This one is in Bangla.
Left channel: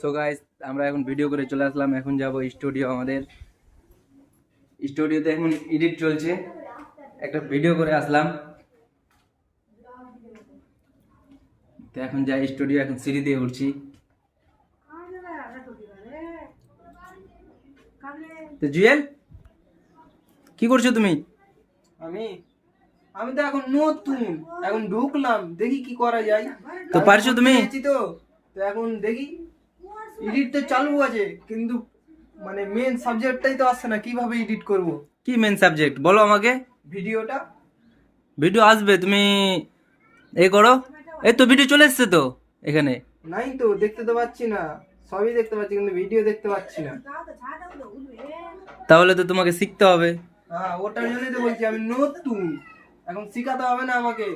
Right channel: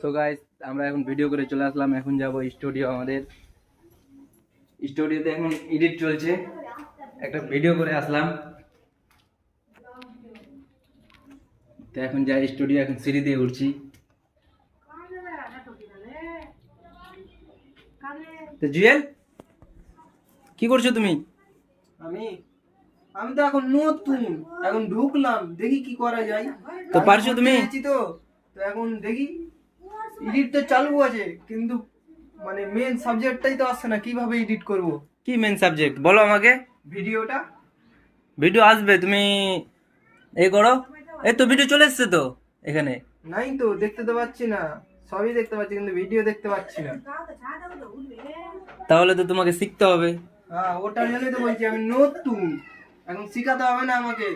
সো গাইস, আমরা এখন ভিডিও করে চলে আসলাম। এখন যাব স্টুডিও। আমাদের স্টুডিওতে এখন এডিট চলছে, একটা ভিডিও করে আসলাম। তো এখন যাই স্টুডিও, এখন সিঁড়ি দিয়ে উঠছি। তো জুয়েল, কি করছো তুমি? আমি আমি তো এখন নতুন, এখন ঢুকলাম, দেখি কি করা যায়। তো পারছো তুমি? তো তো এখন দেখি, এডিট তো চালু আছে কিন্তু মানে মেন সাবজেক্টটাই তো আসছে না, কিভাবে এডিট করব কি মেন সাবজেক্ট বলো আমাকে। ভিডিওটা। ভিডিও আসবে, তুমি এই করো। এই তো ভিডিও চলে এসছে তো এখানে। নাই তো, দেখতে তো পাচ্ছি না, সবই দেখতে পাচ্ছি কিন্তু ভিডিও দেখতে পাচ্ছি না। তাহলে তো তোমাকে শিখতে হবে। হ্যাঁ, ওটার জন্যই তো বলছি আমি নতুন, এখন শিখাতে হবে না আমাকে।